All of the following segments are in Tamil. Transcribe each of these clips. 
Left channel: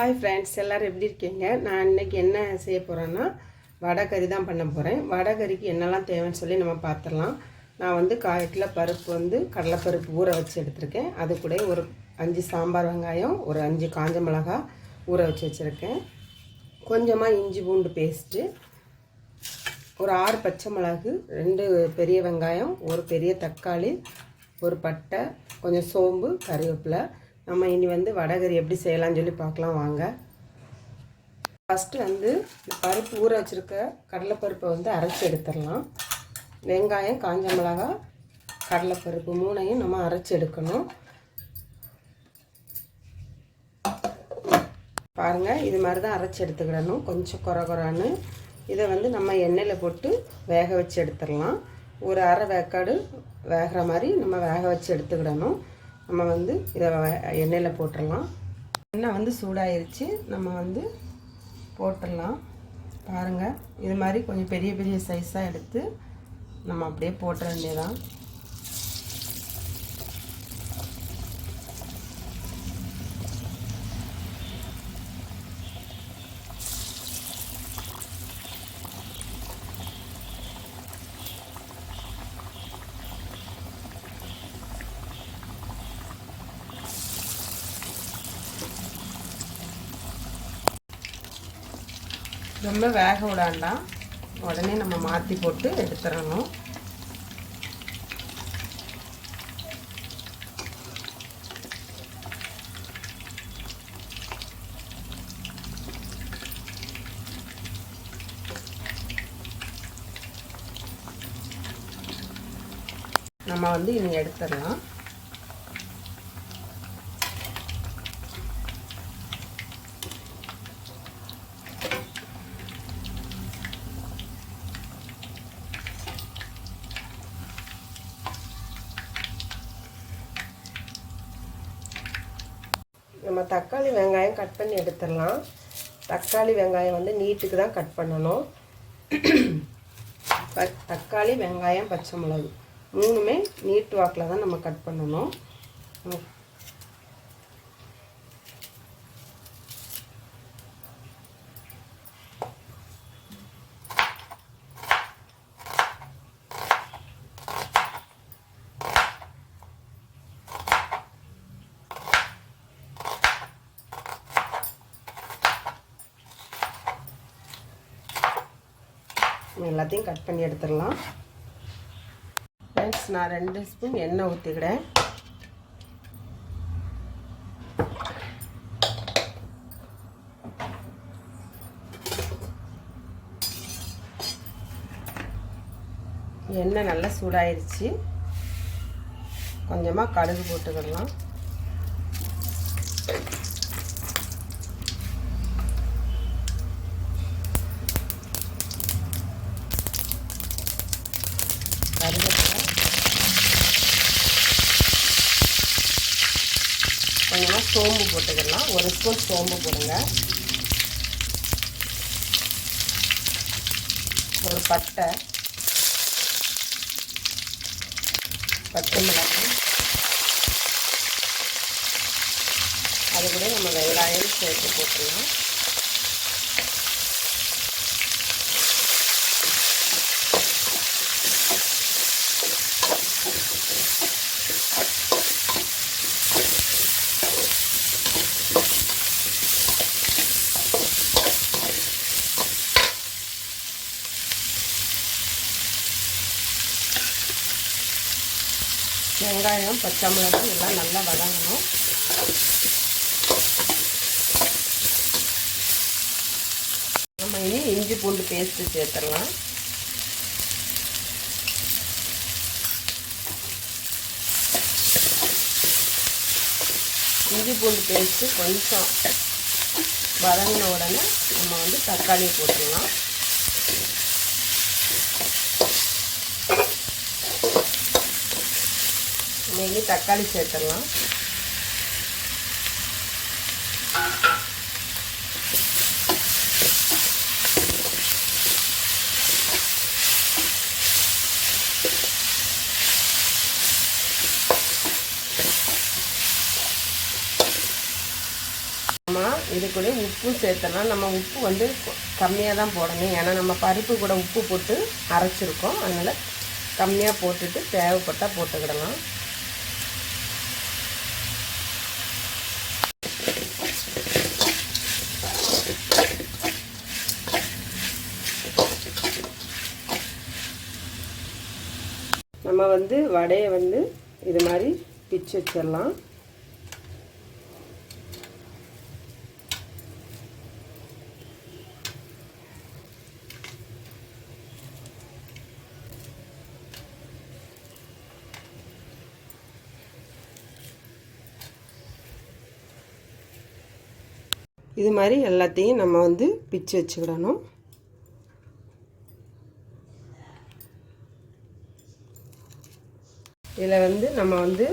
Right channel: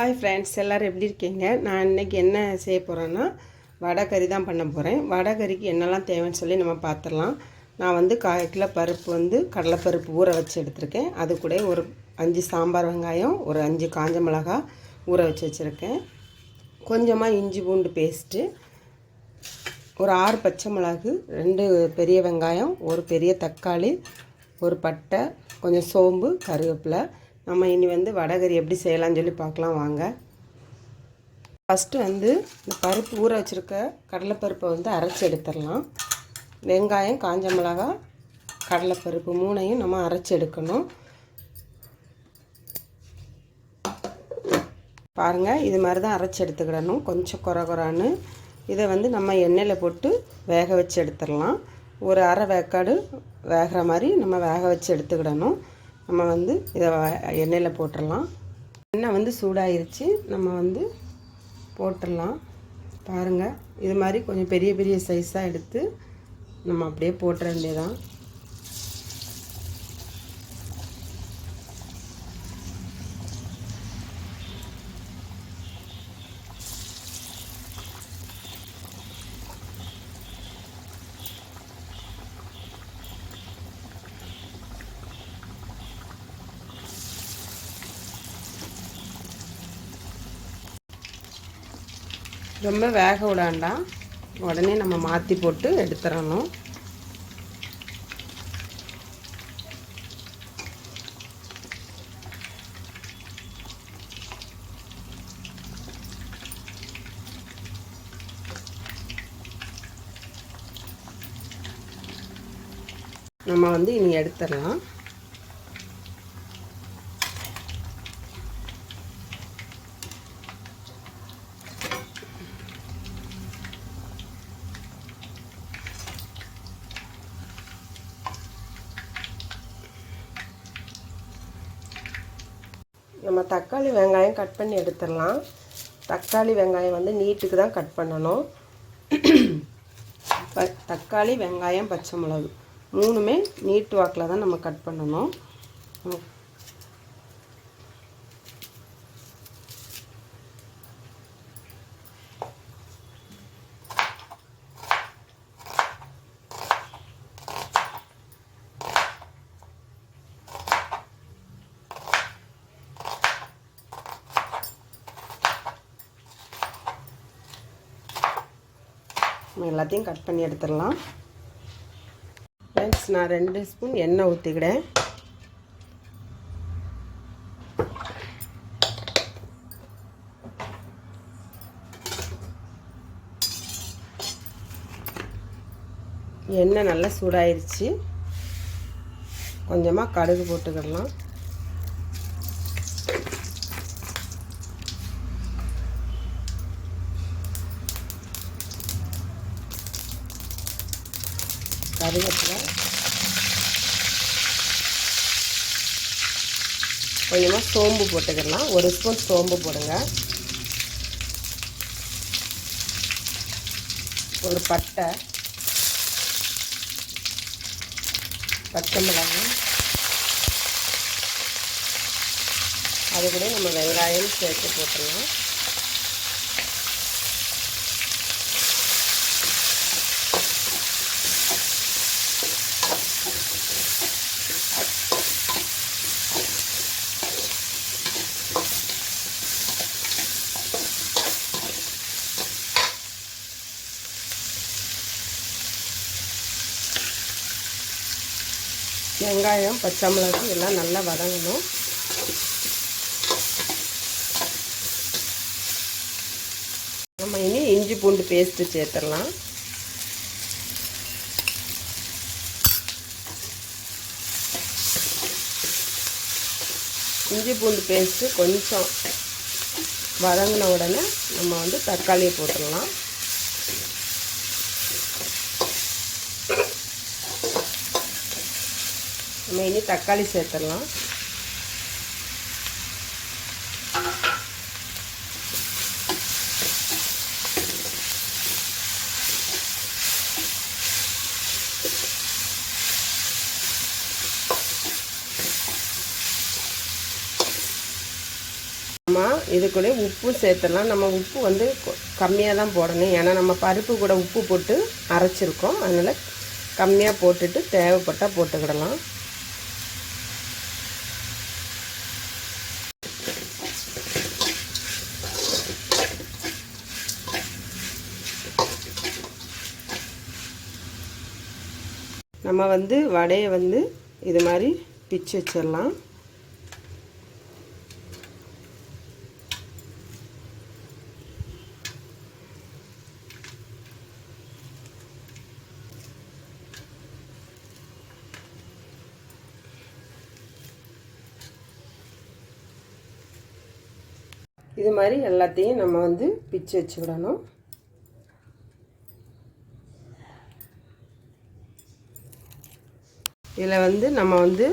ஹாய் ஃப்ரெண்ட்ஸ், எல்லோரும் எப்படி இருக்கீங்க? நான் இன்றைக்கி என்ன செய்ய போகிறேன்னா வடை கறி தான் பண்ண போகிறேன். வடை கறிக்கு என்னெல்லாம் தேவைன்னு சொல்லி நம்ம பார்த்துடலாம். நான் வந்து 1/4 கிலோ பருப்பு கடலைப்பருப்பு ஊற வச்சு எடுத்திருக்கேன். அது கூட ஒரு 5 சாம்பார் வெங்காயம், ஒரு 5 காஞ்ச மிளகாய் ஊற வச்சுருக்கேன். கொஞ்சமாக இஞ்சி பூண்டு பேஸ்ட்டு, ஒரு 6 பச்சை மிளகு, 2 பெரிய வெங்காயம், ஒரு பெரிய தக்காளி, ஒரு பட்டை, கொஞ்சம் சோம்பு, கறிவேப்பிலை. நம்ம இனி வடைகறி எப்படி செய்யலாம்னு சொல்லி பார்க்கலாம் வாங்க. ஃபஸ்ட்டு இந்த பருப்பு ஊற வச்சுருக்க கடலைப்பருப்பை அரைச்சி எடுத்துடலாம். வெங்காயம், காஞ்ச மிளகாய், கடலைப்பருப்பு 3ஐயும் நம்ம அரைச்சி எடுக்கணும். பாருங்கள், இது மாதிரி தான் அரைச்சி எடுத்துக்கிடணும். கொஞ்சம் குறான்னு இதை நம்ம எண்ணெயில் போட்டு வேக வச்சு எடுத்துடலாம். ஒரு அரை வேக்காடு வேகிற மாதிரி நம்ம வேக வச்சு எடுத்துக்கிடணும். நம்ம இதை எண்ணெயில் போட்டுடலாம். எண்ணெய் சூடாயிருச்சு, நம்ம போட்டுடலாம். பாருங்கள், இது மாதிரி கொஞ்சம் பெரிய பெரிய சைஸாக எடுத்து நம்ம அப்படியே போட்டுற வேண்டியதான். ரொம்ப வேக விடாண்டாம், உடனே நம்ம மாற்றி போட்டு எடுத்துடணும். நம்ம இனி எடுத்துடலாம். நம்ம தக்காளி வெங்காயம் கட் பண்ணி எடுத்துடலாம். தக்காளி வெங்காயம் நீட்டுக்கு தான் கட் பண்ணணும். தக்காளி வெங்காயம் பச்சை மிளகு 3மே நீட்டு வாக்கில் தான் நம்ம கட் பண்ணணும். எல்லாத்தையும் கட் பண்ணி எடுத்துடலாம். ஃப்ரெண்ட்ஸ், நான் 2 ஸ்பூன் எண்ணெய் ஊற்றிக்கிடேன். எண்ணெய் நல்லா சூடாயிருச்சு. கொஞ்சமாக கடுகு போட்டுக்கிடலாம். கருவேப்பிலை, கொஞ்சமாக சோம்பு போட்டுக்கலாம். 1 ஸ்பூன் சோம்பு போடுங்க. ஒரு பட்டை மிளகாய், அது கூட நம்ம வெங்காயம் சேர்த்து போட்டுடலாம். வெங்காயம் பச்சை மிளகாய் எல்லாம் நல்லா வதங்கணும். நம்ம இனி இஞ்சி பூண்டு பேஸ்ட்டு சேர்த்துடலாம். இஞ்சி பூண்டு பேஸ்ட்டு கொஞ்சம் வதங்கின உடனே நம்ம தக்காளியை போட்டுடலாம். நம்ம இனி தக்காளி சேர்த்துடலாம். நம்ம இதுக்குள்ளே உப்பு சேர்த்துடலாம். நம்ம உப்பு வந்து கம்மியாக தான் போடணும், ஏன்னா நம்ம பருப்பு கூட உப்பு போட்டு அரைச்சிருக்கோம். அதனால் கம்மியாக போட்டுட்டு தேவைப்பட்டால் போட்டுக்கிடலாம். நம்ம வந்து வடையை வந்து இது மாதிரி பிச்சு வச்சிடலாம். இது மாதிரி எல்லாத்தையும் நம்ம வந்து பிச்சு வச்சுக்கிடணும். இதில் வந்து நம்ம வந்து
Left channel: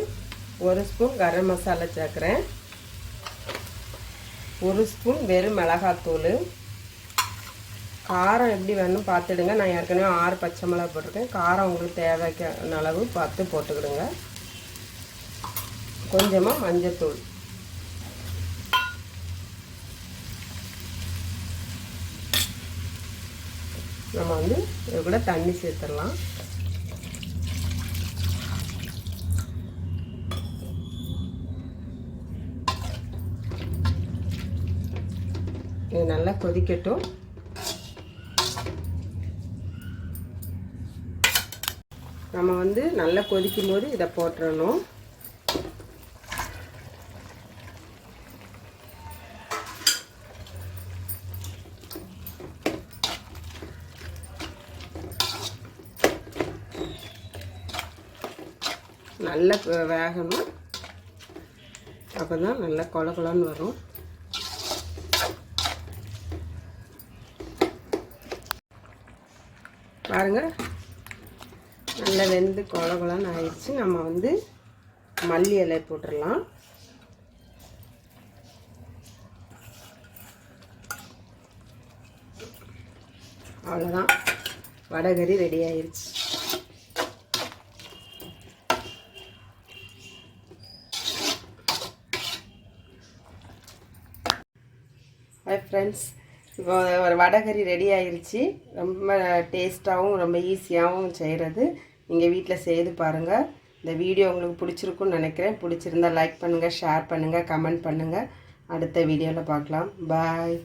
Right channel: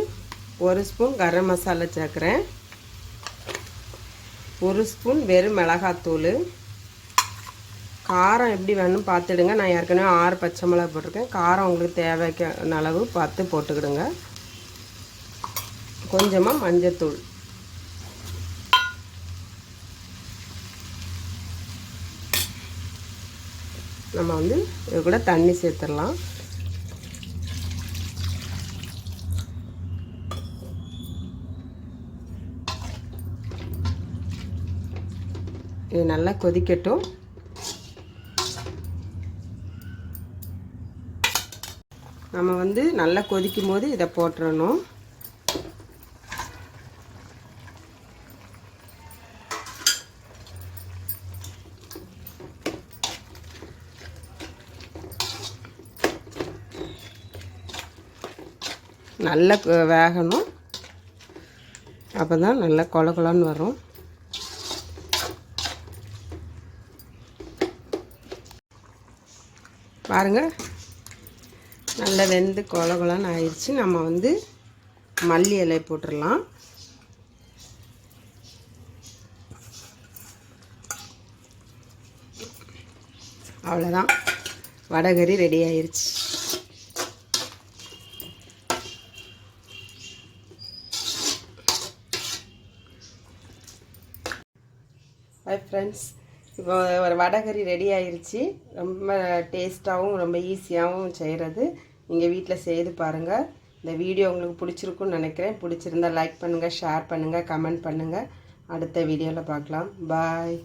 1 ஸ்பூன் கரம் மசாலா சேர்க்குறேன், 1 ஸ்பூன் வெறும் மிளகாத்தூள். காரம் எப்படி வேணும்னு பார்த்துடுங்க. நான் ஏற்கனவே 6 பச்சை மிளகா போட்டிருக்கேன். காரம் உங்களுக்கு தேவைக்கான அளவு பார்த்து போட்டுக்கிடுங்க. கொஞ்சமாக மஞ்சத்தூள். நம்ம வந்து இது கூட தண்ணி சேர்த்துடலாம். இது நல்லா கொதிக்கட்டும். நம்ம வந்து நல்லா கொதிக்கும் போது இதை போட்டுறணும். நல்லா வேகணும், அப்போ தான் நல்லா கொல கொலன்னு வரும். பாருங்கள், நல்லா வெந்து கொல கொலன்னு ஆயிடுச்சு. நம்ம வந்து மல்லி இலை போட்டுடலாம். அவ்வளோதான், வடைகறி ரெடி ஆயிடுச்சு. ஹாய் ஃப்ரெண்ட்ஸ், இப்போ ஒரு வடைகறி ரெடி ஆயிடுச்சு. ரொம்ப டேஸ்ட்டாகவும் ரொம்ப ஈஸியாகவும் செய்கிறது. நீங்கள் வீட்டில் செய்து பாருங்கள். இந்த வீடியோ உங்களுக்கு பிடிச்சிருக்குன்னு நினைக்கிறேன். பிடிச்சிருந்தால் லைக் பண்ணுங்கள், ஷேர் பண்ணுங்கள், கமெண்ட் பண்ணுங்கள். அடுத்த வீடியோவில் பார்க்கலாம். பாய்.